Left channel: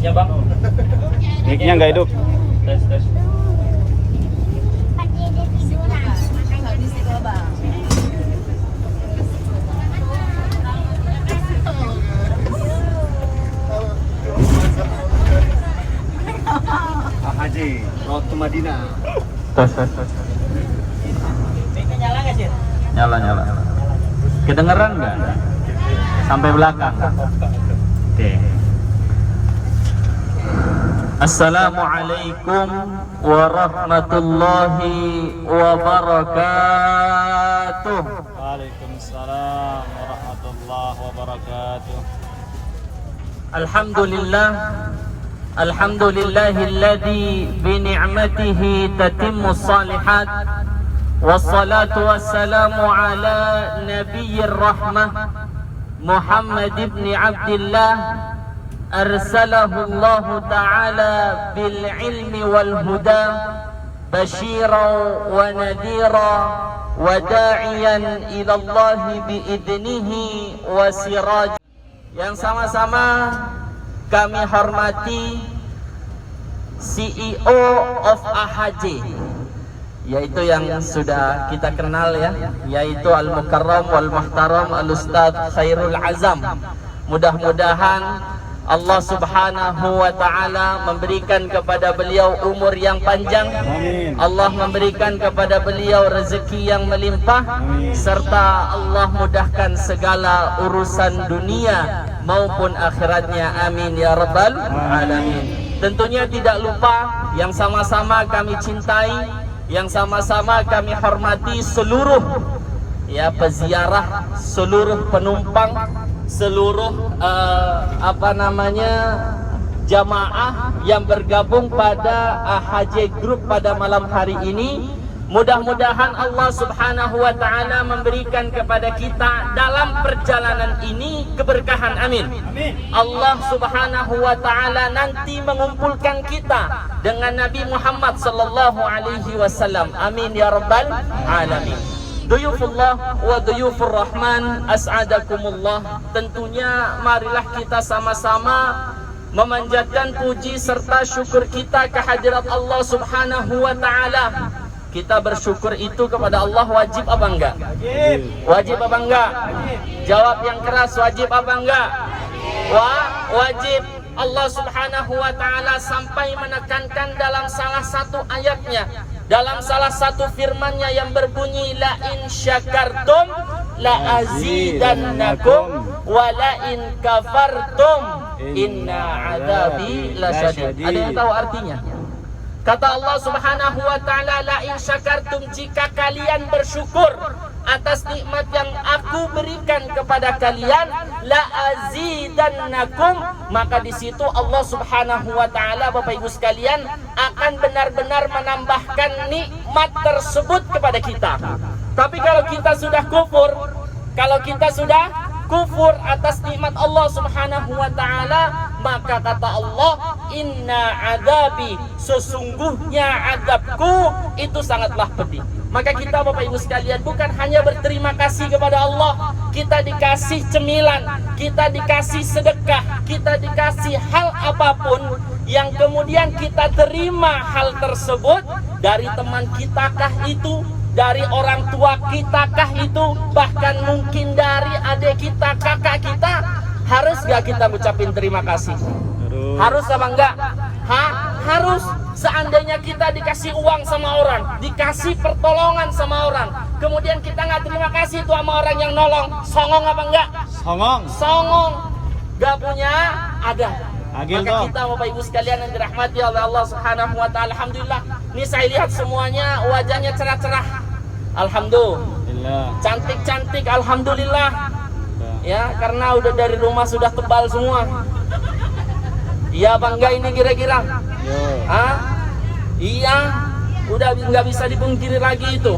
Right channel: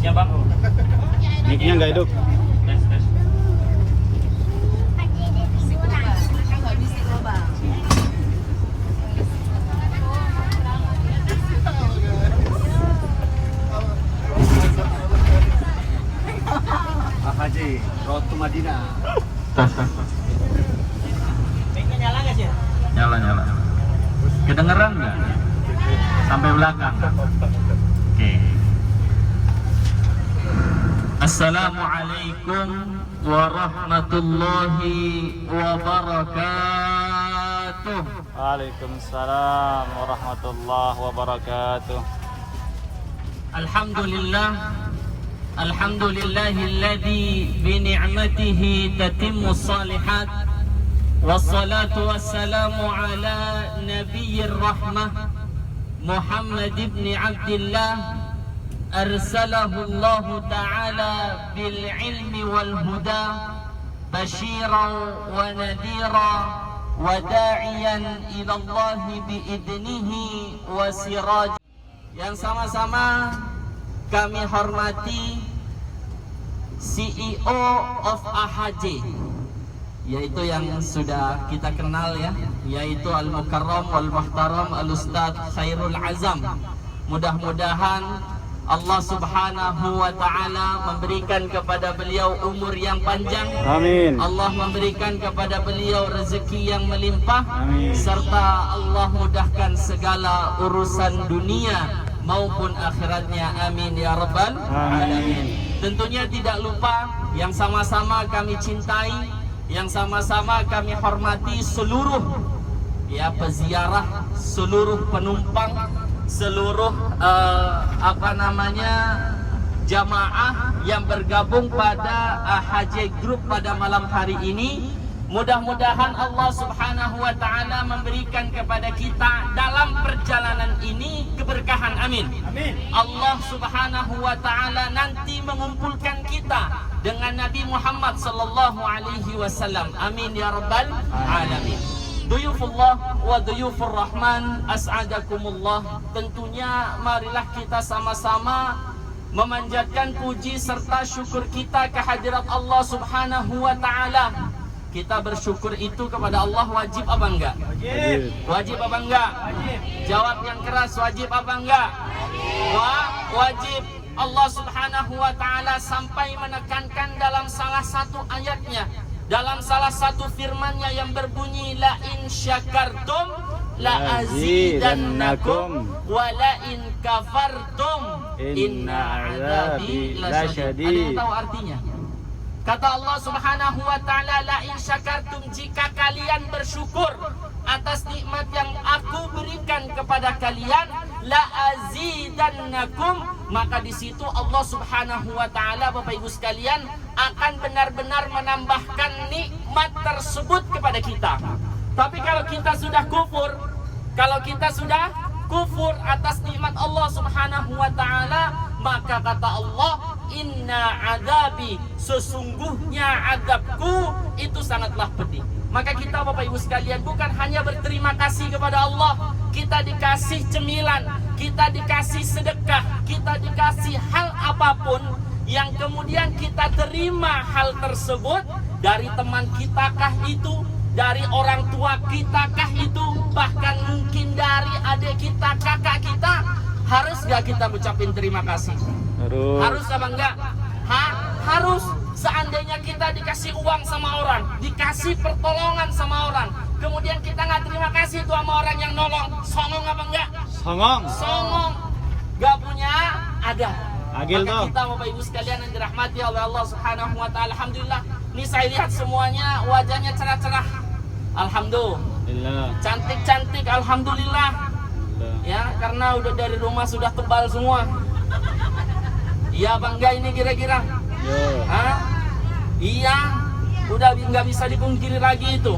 mic-nya bang. Mic-nya nggak hidup. Tes tes. Pak Haji, Road to Madinah. Tes. Mic-nya nyala nggak sih? Nyala. Kedengeran nggak? Sampai belakang. Oke. Assalamualaikum warahmatullahi wabarakatuh. Waalaikumsalam warahmatullahi wabarakatuh. Alhamdulillahilladzi bi ni'matihi tatimmu shalihat. Wassalatu wassalamu ala nabiyyir rahmah Muhammad ibn Abdillah arsalahu Allah ta'ala bil ilmi wal huda basyiran wa nadhira wa da'iyan ila Allah bi idnihi wa siraj. Yang sama-sama kami hormati CEO of AHJ, yaitu yang sudah kita kenal ya, yaitu Al-Mukarram wal Muhtaram Al-Ustadz Khairul Azam. Mudah-mudahan Allah Subhanahu wa ta'ala memberikan kepada beliau umur yang panjang. Amin. Allah memberikan kepada beliau rezeki yang melimpah. Amin. Serta Allah mudahkan segala urusan dunia maupun akhiratnya. Amin ya rabbal alamin. Tentunya tidak lupa yang sama-sama kami cintai, yang sama-sama kami hormati seluruh peziarah, seluruh penumpang, seluruh jamaah yang bergabung pada AHJ Group pada malam hari ini. Mudah-mudahan Allah Subhanahu wa ta'ala memberikan kepada kita dalam perjalanan ini keberkahan. Amin. Allah Subhanahu wa ta'ala nanti mengumpulkan kita dengan Nabi Muhammad sallallahu alaihi wasallam. Amin ya rabbal alamin. Duyufullah wa duyufur rahman as'adakumullah. Tentunya marilah kita sama-sama memanjatkan puji serta syukur kita kehadirat Allah Subhanahu wa ta'ala. Kita bersyukur itu kepada Allah wajib apa enggak? Wajib apa enggak? Jawab yang keras, wajib apa enggak? Wajib. Allah Subhanahu wa ta'ala sampai menekankan dalam salah satu ayatnya, dalam salah satu firman-Nya yang berbunyi la in syakartum la azidannakum wa la in kafartum inna adabi lasyadid. Ada yang tahu artinya? Kata Allah Subhanahu wa ta'ala, la in syakartum, jika kalian bersyukur atas nikmat yang aku berikan kepada kalian, la azidannakum, maka di situ Allah Subhanahu wa ta'ala, Bapak Ibu sekalian, akan benar-benar menambahkan nikmat tersebut kepada kita. Tapi kalau kita sudah kufur, atas nikmat Allah Subhanahu wa ta'ala, maka kata Allah, inna adabi, sesungguhnya adabku itu sangatlah pedih. Maka kita Bapak Ibu sekalian bukan hanya berterima kasih kepada Allah, kita dikasih cemilan, kita dikasih sedekah, kita dikasih hal apapun yang kemudian kita terima hal tersebut dari teman kita kah itu, dari orang tua kita kah itu, bahkan mungkin dari adik kita, kakak kita. Harus gak kita ucapin terima kasih? Harus apa enggak? Harus. Seandainya kita dikasih uang sama orang, dikasih pertolongan sama orang, kemudian kita nggak terima kasih tuh sama orang yang nolong, songong apa enggak? Songong. Gak punya ada. Agil Maka kita Bapak Ibu sekalian yang dirahmati oleh Allah Subhanahu wa ta'ala, alhamdulillah. Ini saya lihat semuanya wajahnya cerah-cerah. Alhamdulillah. Cantik-cantik, alhamdulillah. Ya, karena udah dari rumah sudah tebal semua. Iya bangga ini kira-kira. Iya, udah nggak bisa dipungkiri lagi itu.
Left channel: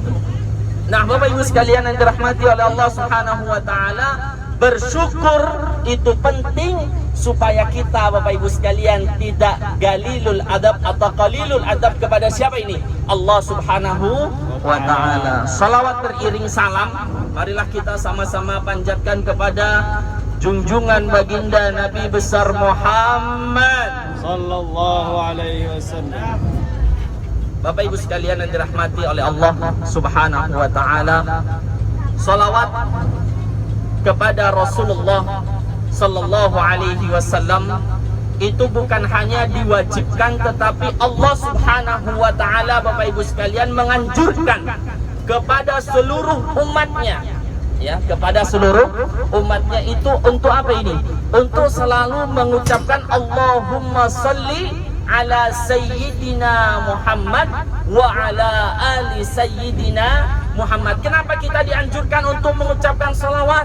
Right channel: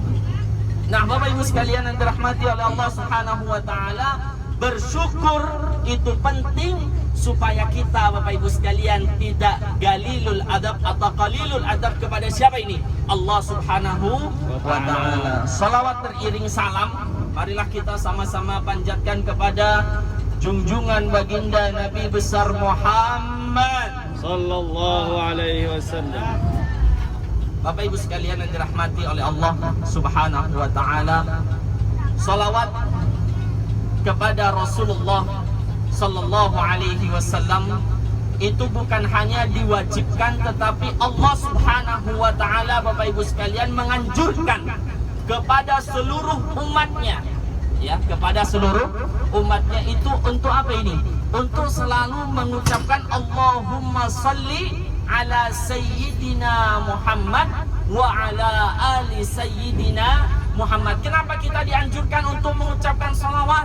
Nah, Bapak Ibu sekalian yang dirahmati oleh Allah Subhanahu wa ta'ala, bersyukur itu penting supaya kita Bapak Ibu sekalian tidak galilul adab atau qalilul adab kepada siapa ini? Allah Subhanahu wa ta'ala. Salawat beriring salam, marilah kita sama-sama panjatkan kepada junjungan baginda Nabi besar Muhammad sallallahu alaihi wasallam. Bapak Ibu sekalian yang dirahmati oleh Allah Subhanahu wa taala, salawat kepada Rasulullah sallallahu alaihi wasallam itu bukan hanya diwajibkan, tetapi Allah Subhanahu wa taala, Bapak Ibu sekalian, menganjurkan kepada seluruh umatnya, ya, kepada seluruh umatnya itu untuk apa ini? Untuk selalu mengucapkan Allahumma salli ala Sayyidina Muhammad wa ala ali Sayyidina Muhammad. Kenapa kita dianjurkan untuk mengucapkan salawat?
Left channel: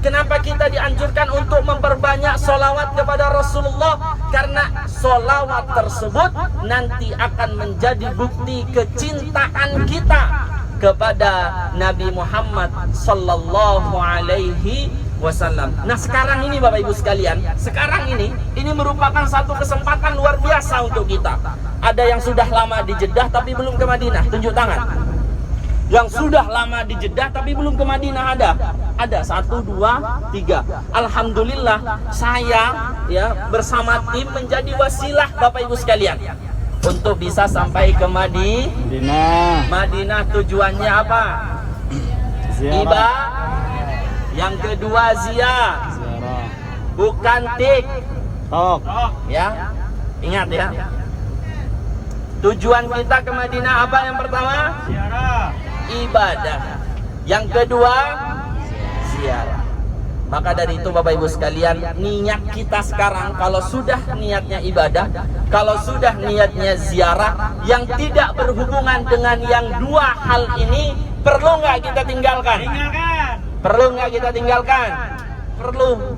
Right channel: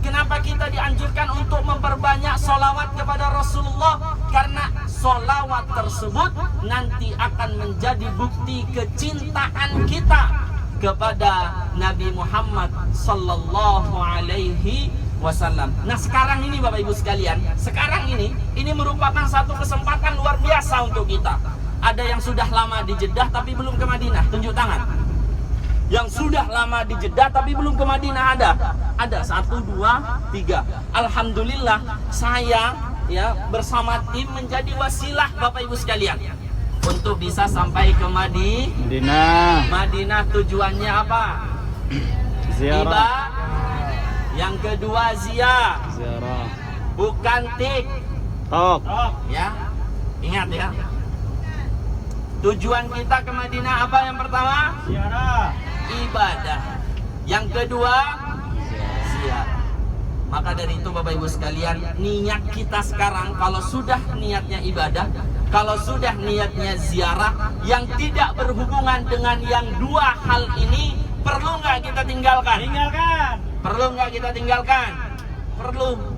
Kenapa kita dianjurkan untuk memperbanyak salawat kepada Rasulullah? Karena salawat tersebut nanti akan menjadi bukti kecintaan kita kepada Nabi Muhammad sallallahu alaihi wasallam. Nah, sekarang ini Bapak Ibu sekalian, sekarang ini merupakan satu kesempatan luar biasa untuk kita. Ada yang sudah lama di Jeddah tapi belum ke Madinah, tunjuk tangan. Yang sudah lama di Jeddah tapi belum ke Madinah ada? Ada, 1, 2, 3. Alhamdulillah saya ya bersama tim menjadi wasilah Bapak Ibu sekalian untuk bisa sampai ke Madinah. Madinah tujuannya apa? Ziarah. Yang kedua ziarah. Bukan tik. Tok. Ya. Ingat ya. Tujuan kita ke Madinah apa yang pertama? Ziarah. Ibadah. Yang kedua ziarah. Maka dari itu Bapak Ibu sekalian, niat kita sekarang kalau sudah niatnya ibadah, kalau sudah niatnya ziarah yang tidak berhubungan dengan yang dua hal ini, perlu nggak kita tinggalkan? Perlu nggak kita tinggalkan? Perlu.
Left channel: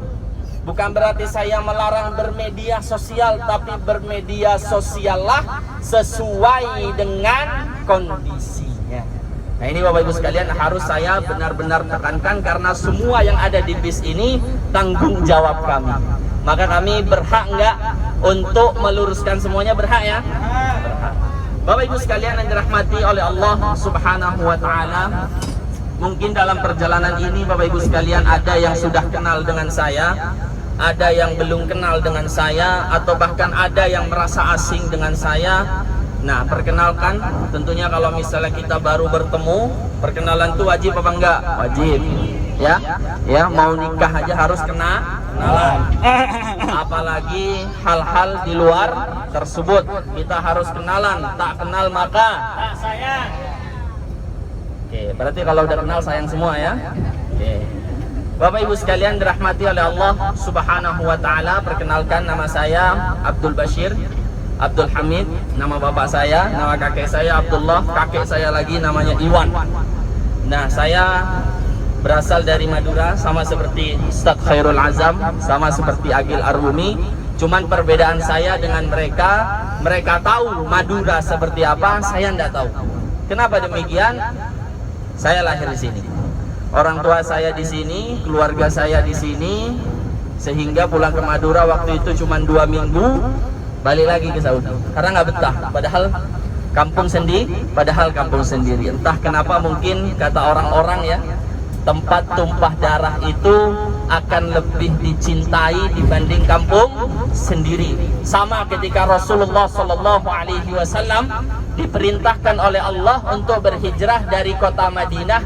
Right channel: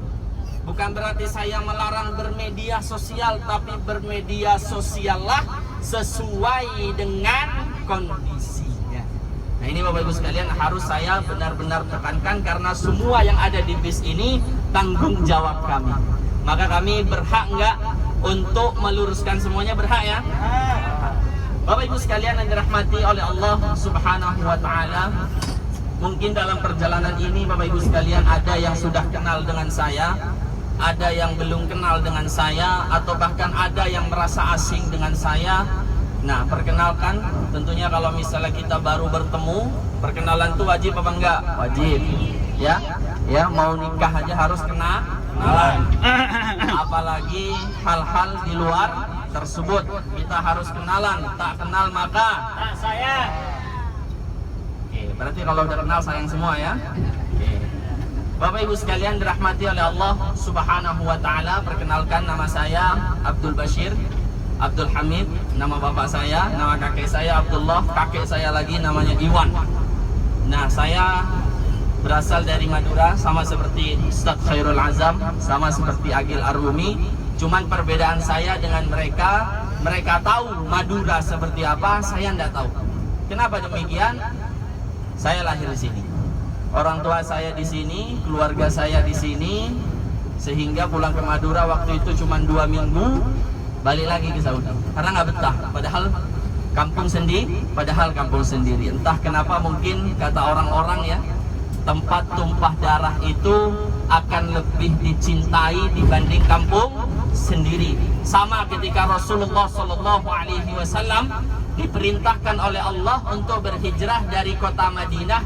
Bukan berarti saya melarang bermedia sosial, tapi bermedia sosiallah sesuai dengan kondisinya. Nah, ini Bapak Ibu sekalian harus saya benar-benar tekankan, karena semua yang ada di bis ini tanggung jawab kami. Maka kami berhak nggak untuk meluruskan semuanya? Berhak ya? Berhak. Bapak Ibu sekalian yang dirahmati oleh Allah Subhanahu wa taala, mungkin dalam perjalanan ini Bapak Ibu sekalian ada yang sudah kenal dengan saya, ada yang belum kenal dengan saya, atau bahkan ada yang merasa asing dengan saya. Nah, perkenalkan, tentunya kalau misalnya kita baru bertemu, perkenalan itu wajib apa enggak? Wajib. Ya, ya, mau nikah aja harus kenalan. Apalagi hal-hal di luar tersebut, kita harus kenalan. Tak kenal maka tak sayang. Oke, berarti kalau udah kenal sayang semua ya. Oke. Bapak Ibu sekalian dirahmati oleh Allah Subhanahu wa taala, perkenalkan, nama saya Abdul Bashir Abdul Hamid, nama bapak saya, nama kakek saya Abdullah, kakek saya lagi namanya Iwan. Nah, saya berasal dari Madura, sama seperti Ustaz Khairul Azam, sama seperti Agil Arwumi. Cuman perbedaan saya dengan mereka, mereka tahu Madura seperti apa, saya tidak tahu. Kenapa demikian? Saya lahir di sini. Orang tua saya di sini, keluarga saya di sini, sehingga pulang ke Madura waktu itu cuma 2 minggu, balik lagi ke Saudi karena nggak betah. Padahal kampung sendiri. Entah kenapa, mungkin kata orang-orang ya, tempat tumpah darah itu akan lebih dicintai dibanding kampung sendiri. Sama ketika Rasulullah Shallallahu Alaihi Wasallam diperintahkan oleh Allah untuk berhijrah dari kota Madinah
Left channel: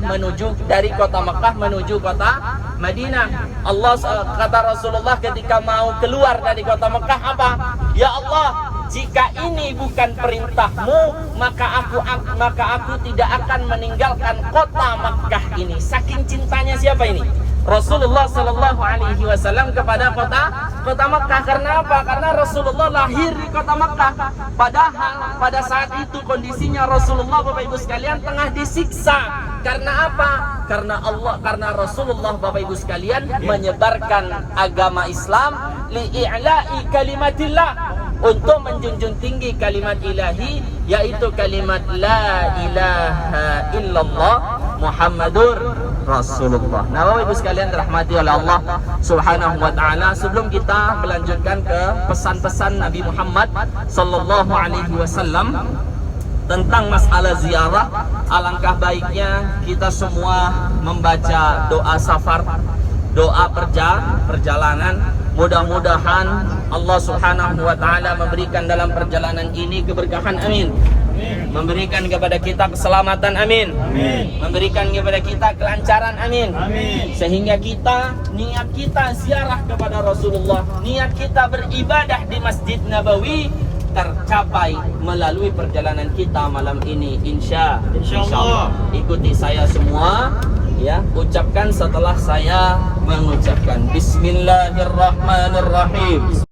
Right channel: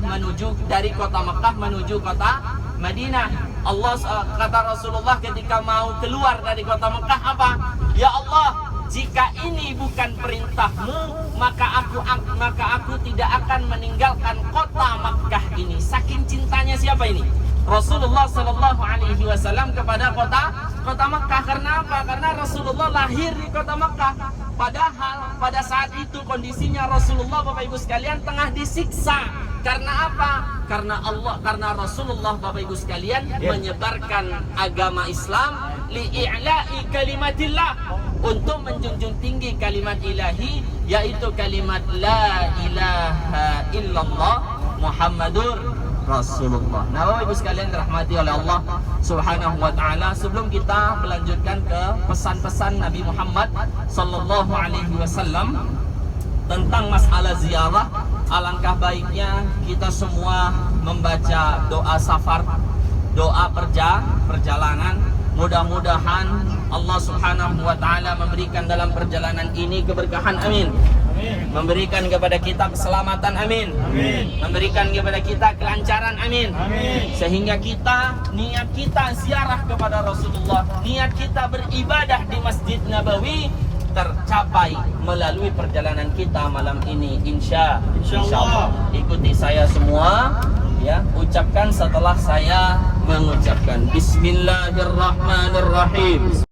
dari kota Mekah menuju kota Madinah. Allah, kata Rasulullah ketika mau keluar dari kota Mekah, apa? Ya Allah, jika ini bukan perintahmu, maka aku tidak akan meninggalkan kota Mekah ini. Saking cintanya siapa ini? Rasulullah Sallallahu Alaihi Wasallam kepada kota Mekah. Karena apa? Karena Rasulullah lahir di kota Mekah. Padahal pada saat itu kondisinya Rasulullah, Bapak Ibu sekalian, tengah disiksa. Karena apa? Karena Rasulullah, Bapak Ibu sekalian, menyebarkan agama Islam li'i'la'i kalimatillah, untuk menjunjung tinggi kalimat ilahi, yaitu kalimat la ilaha illallah Muhammadur Rasulullah. Nah, Bapak Ibu sekalian dirahmati oleh Allah Subhanahu wa taala, sebelum kita melanjutkan ke pesan-pesan Nabi Muhammad sallallahu alaihi wasallam tentang masalah ziarah, alangkah baiknya kita semua membaca doa safar, doa perjalanan. Mudah-mudahan Allah Subhanahu wa taala memberikan dalam perjalanan ini keberkahan, amin. Memberikan kepada kita keselamatan, amin. Memberikan kepada kita kelancaran, amin. Sehingga niat kita ziarah kepada Rasulullah, niat kita beribadah di Masjid Nabawi tercapai melalui perjalanan kita malam ini, insyaallah. Ikuti saya semua, ya, ucapkan setelah saya mengucapkan. Bismillahirrahmanirrahim.